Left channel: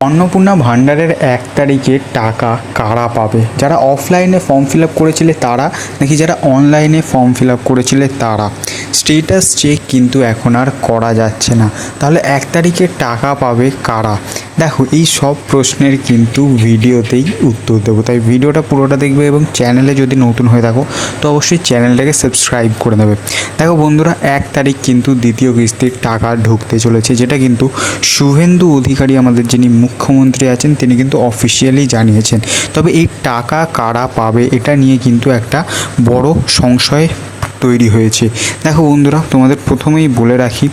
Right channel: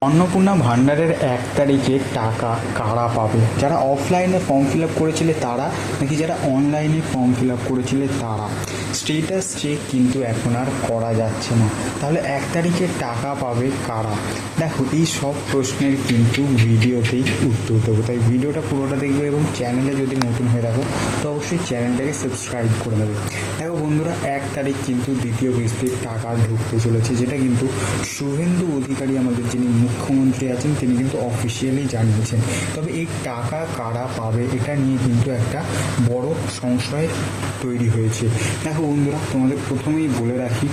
অন্নপূর্ণা ভাণ্ডারের 1 তারিখে টাকা কারা পাবে? যারা অফলাইনে ফর্ম ফিল আপ করেছিলে তারা, নাকি যারা অনলাইনে ফর্ম ফিল আপ করেছিলে তারা? স্টেটাস চেক কিন্তু এখন আর করা যাচ্ছে না। তাহলে 1 তারিখে টাকা পাবে কারা? দেখো, এই সব প্রশ্নের কিন্তু ভিডিওতেই উত্তর দেবো, তাই ভিডিওটা পুরোটা দেখবে এবং চ্যানেলে যদি নতুন হয়ে থাকো তো অবশ্যই চ্যানেলটাকে সাবস্ক্রাইব করে নেবে। দেখো বন্ধুরা, 1 তারিখ কিন্তু দ্বিতীয় কিস্তির টাকা ঢুকতে চলেছে, যেটা কিন্তু শুভেন্দু অধিকারী আমাদের যিনি মুখ্যমন্ত্রী আছেন তিনি কিন্তু অফিসিয়ালি জানিয়েছেন। তবে এই টাকা কারা পাবে এটা নিয়ে কিন্তু একটা বড় সংশয় তৈরি হয়েছে। দেখো বন্ধুরা, তোমাদের প্রথমেই বলে রাখি,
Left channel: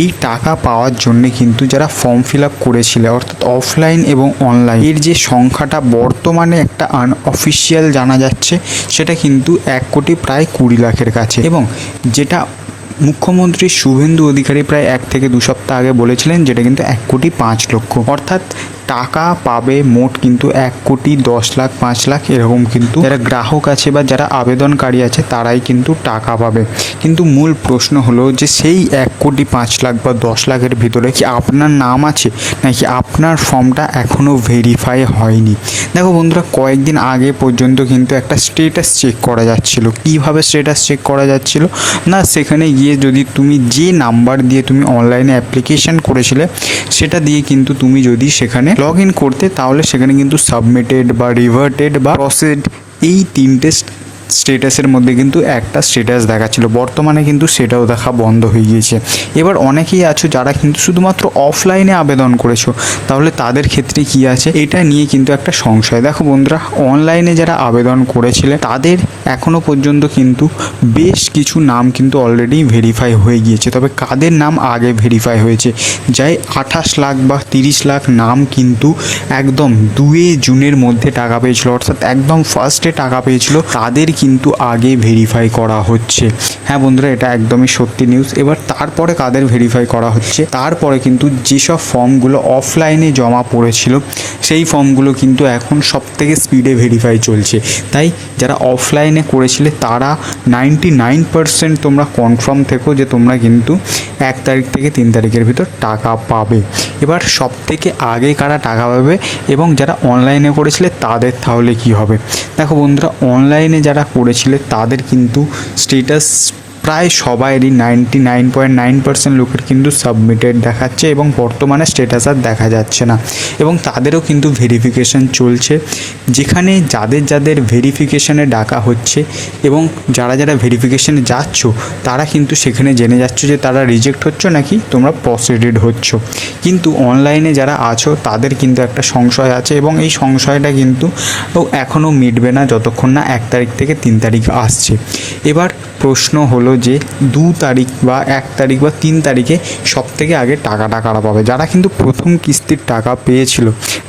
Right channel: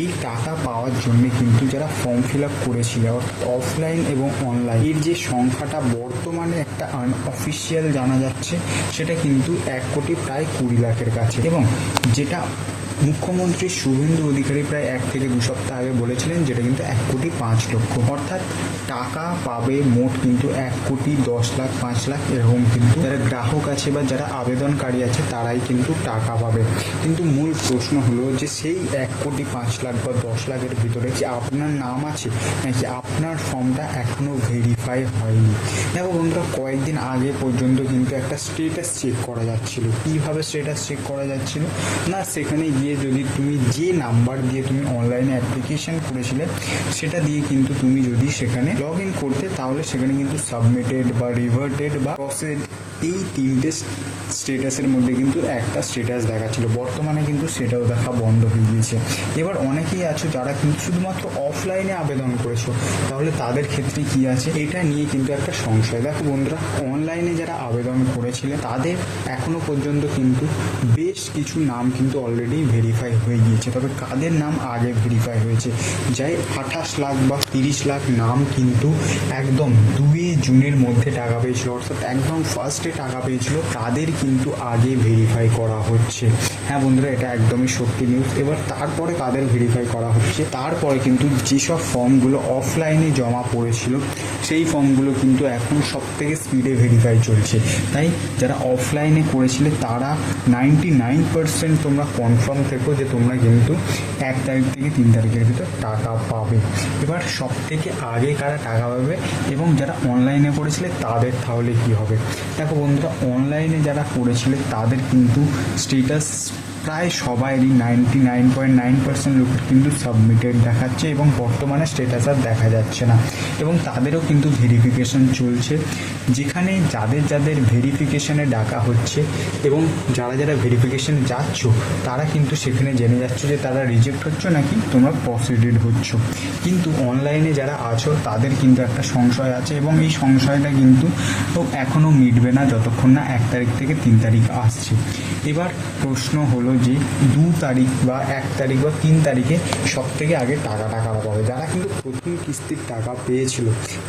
এই টাকা পাওয়ার জন্যে কিন্তু যারা ফর্ম ফিল আপ করেছিলে অর্থাৎ অফলাইন এবং অনলাইন, এর যে সংখ্যাটা বর্তমানে একটা আনঅফিসিয়াল জানা যাচ্ছে সেটা কিন্তু 1,20,00,000 কাছে, এবং যেটা মুখ্যমন্ত্রী শুভেন্দু অধিকারী প্রায় 1 থেকে 2 সপ্তাহ আগে বলেছিলেন যেটা কিন্তু 1,05,00,000, অর্থাৎ টাকা পাবে মোট কিন্তু 1,10,00,000, 5,00,000 এরকম কিন্তু যারা গ্রাহক আছে বা যারা আবেদনকারী আছে তারাই কিন্তু টাকা পাবে। কিন্তু মূল প্রশ্ন হলো যে সেই 1,05,00,000 বা 10,00,000-এর ভিতরে কি আপনার নাম আছে, নাকি আপনার ফর্মটা এখনও ভেরিফাই হয়নি? দেখো বন্ধুরা, কয়েকদিন আগে পর্যন্ত কিন্তু একটা স্টেটাস চেক করা যাচ্ছিল। কীভাবে স্টেটাস চেক করা যাচ্ছিল না, সেখানে গিয়ে যদি তুমি যে নাম্বার দিয়ে তুমি অনলাইনে অ্যাপ্লিকেশন করেছিলে সেটা দিয়ে কিন্তু তুমি যদি সেখানে লগ ইন করতে, তাহলে সেখানে কিন্তু সাবমিটেড বা রিভার্টেড বা প্রসেড এই 3টে স্টেটাসের মধ্যে কিন্তু একটা স্টেটাস দেখাচ্ছিল। বর্তমানে কিন্তু সেটাও দেখা বন্ধ হয়ে গিয়েছে। এবার অনেকেই আছো যারা কিন্তু শুধুমাত্র অফলাইনে আবেদন করেছো, তাহলে তাদের ক্ষেত্রে কি আছে এটা নিয়ে কিন্তু একটা সংশয়। দেখো বন্ধুরা, অনলাইনে যারা আবেদন করেছিলে তাদের এখনও পর্যন্ত কিন্তু বেশ কিছু নাম কিন্তু অলরেডি ভেরিফাই হয়ে গিয়েছে। তবে কাদের নাম আগে ভেরিফাই হয়েছে, যাই 28,00,000 বা 30,00,000 নাম কিন্তু একদম 2 জুনের মধ্যে টাকা পেয়েছিল, অর্থাৎ একদম ফার্স্টে টাকা পেয়েছিল, তাদের কিন্তু আগে ভেরিফাই করা হচ্ছে। হ্যাঁ বন্ধুরা, এটা একদমই সত্যি নিউজ। এবার তারপরে কাদের ভেরিফাই করা হচ্ছে, তারপরে কিন্তু যেসব ফর্মগুলো অফলাইনে জমা পড়েছিল সেই ফর্মগুলো কিন্তু এখন সবথেকে স্পিডে ভেরিফাই চলছে। তাই যারা অফলাইনে করেছিলে তারা 99% তোমরা কনফার্ম থেকো যে তোমরা কিন্তু 1 তারিখ থেকে 3 তারিখের ভিতর টাকা পাবে। এবার সবথেকে আগে কারা টাকা পাবে এবং যারা অনলাইনে করেছিলে তাদের তাহলে কি হবে? দেখো বন্ধুরা, অনলাইনে যারা করেছিলে তাদের কিন্তু স্টেটাস প্রায় সবাইরই 99.9% লোকের কিন্তু সাবমিটেড দেখাচ্ছে এবং বর্তমানে স্টেটাস আর দেখা যাচ্ছে না, এবং তাদেরও কিন্তু ভেরিফিকেশান চলছে। যেখানে যাদের যাদের ভেরিফিকেশানে ডাকা হচ্ছে এবং যারা যারা ভেরিফিকেশানে যাচ্ছ তারা কিন্তু সেখানে জেনে যাচ্ছ যে তারা রিজেক্ট হচ্ছ নাকি তোমরা প্রসিডেড হচ্ছ। কিন্তু অনলাইনে যারা আছো তাদের কিন্তু একটা সংশয় আছে, এবং এই সংশয়টা কিন্তু এখনও মিটবে না যতক্ষণ না 1 তারিখ থেকে 3 তারিখ আসছে। এবার প্রশ্ন হলো যে 2 তারিখ বা 1 তারিখ বা 3 তারিখে সবথেকে আগে টাকাটা কারা পাবে? যারা কিন্তু প্রথম কিস্তির টাকা পেয়েছিল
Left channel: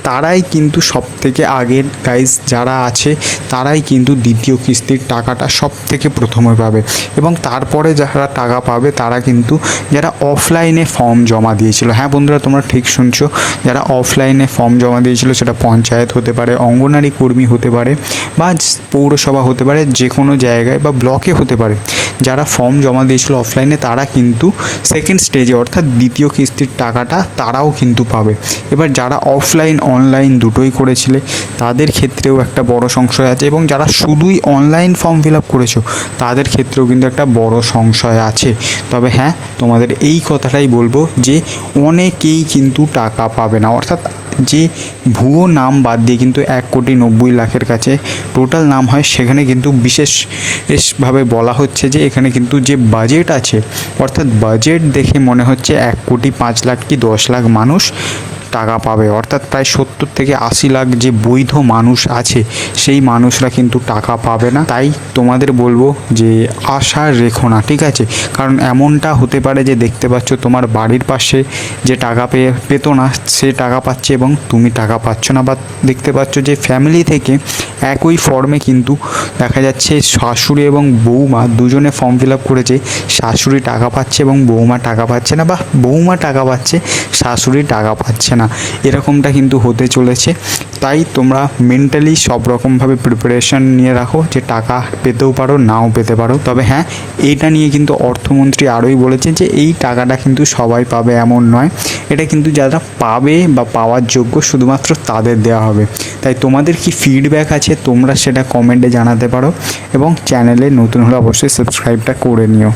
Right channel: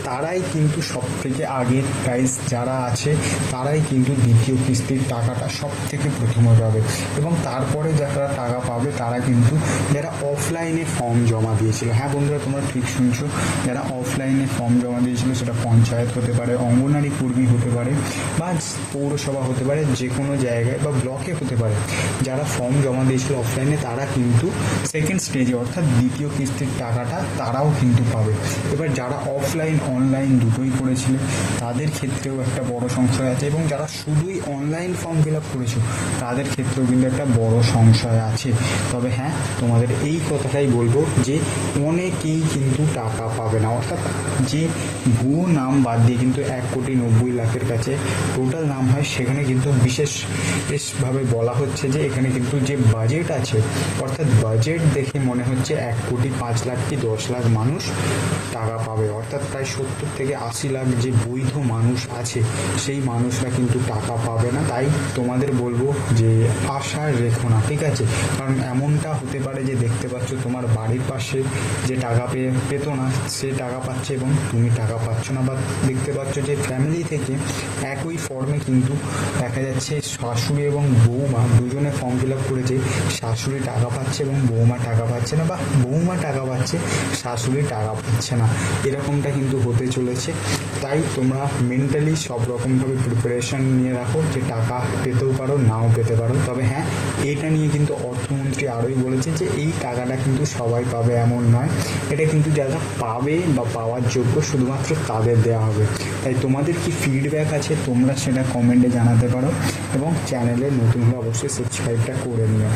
তারাই কিন্তু সবথেকে আগের গাইজ যারা আছে তারাই কিন্তু দ্বিতীয় কিস্তির টাকাটা সবথেকে প্রথমে পাবে, এবং তারপরে যারা টাকা পাবে তারা কিন্তু যারা অফলাইনে ফর্ম জমা দিয়েছিল। হ্যাঁ বন্ধুরা, তোমরা ঠিক শুনছো, যারা অফলাইনে ফর্ম জমা দিয়েছিল, সেটা পঞ্চায়েত হতে পারে, অঙ্গনারী কর্মী হতে পারে, বা পৌরসভা হতে পারে, যে কোনো জায়গায় বা ব্লকে হতে পারে, যারা ফর্ম জমা দিয়েছিল অফলাইনে তারা কিন্তু সেকেন্ড স্টেজে অর্থাৎ দ্বিতীয় কিস্তির টাকাটা তারাও কিন্তু পাবে। এবার যারা অফলাইন অনলাইন দুটোই করেছিলে তাদের ক্ষেত্রেও একটা বড় সংশয় আছে, এবং যারা শুধুই অনলাইন ফর্ম ফিল আপ করেছো তাদের ক্ষেত্রেও কিন্তু একটা বড় সংশয় আছে। তবে হ্যাঁ, তোমাদের এই কথাটাই বলবো যে অনেকেই কিন্তু টাকা পাবে না, অর্থাৎ যে ভুয়ো নাম বাদ দিয়ে কিন্তু 1,90,00,000 কাছে টোটাল নাম হয়, সেখানে কিন্তু বিশেষভাবে বলা হচ্ছে যে এখানে কিন্তু যে বাজেট আছে, অর্থাৎ বাজেট দেখে মনে হচ্ছে 1,05,00,000 কি 10,00,000 মানুষ টাকা পাবে, অর্থাৎ প্রায় 70 থেকে 80 লাখ যে বৈধ মানুষ আছে সেই মানুষরা কিন্তু টাকা পাবে না। তাই তোমাদের বলবো যে আশা রেখো না, ঠিক আছে? কারণ এমনটা হতে পারে যে দেখতে পাচ্ছ তোমার বাড়ির পাশে যে টাকা পেতো না সে টাকা পাচ্ছে এবং তুমি টাকা পাচ্ছ না, বা দেখতে পাচ্ছ যে ফ্যামিলি থেকে একই ফর্মে কিন্তু দেখা যাচ্ছে শাশুড়ি এবং বৌমা দুজনে ফর্ম ফিল আপ করেছে, শাশুড়ি টাকা পাচ্ছে এবং বৌমা টাকা পাচ্ছে না, বা বৌমা টাকা পাচ্ছে শাশুড়ি টাকা পাচ্ছে না। না, এরকমটা কিন্তু হতে চলেছে। তাই তোমরা মেন্টালি সব রকমভাবে প্রিপারেশন নিয়ে রাখো যে টাকা পেতেও পারো, নাও পেতে পারো। তবে হ্যাঁ, এইটা নিয়ে কিন্তু অর্থমন্ত্রী আরোই বলেছে যে এই টাকাটা কিন্তু সবাই পাবে এমন নয়, এটা কিন্তু যারা পাবে বা পাওয়ার যোগ্য শুধুমাত্র তাদের দেওয়া হবে। তাই তোমাদের কি ফিডব্যাক আছে তোমরা সেটা কমেন্টে জানাতে পারো, এবং চ্যানেলে নতুন হলে অবশ্যই সাবস্ক্রাইবটা করে নিও।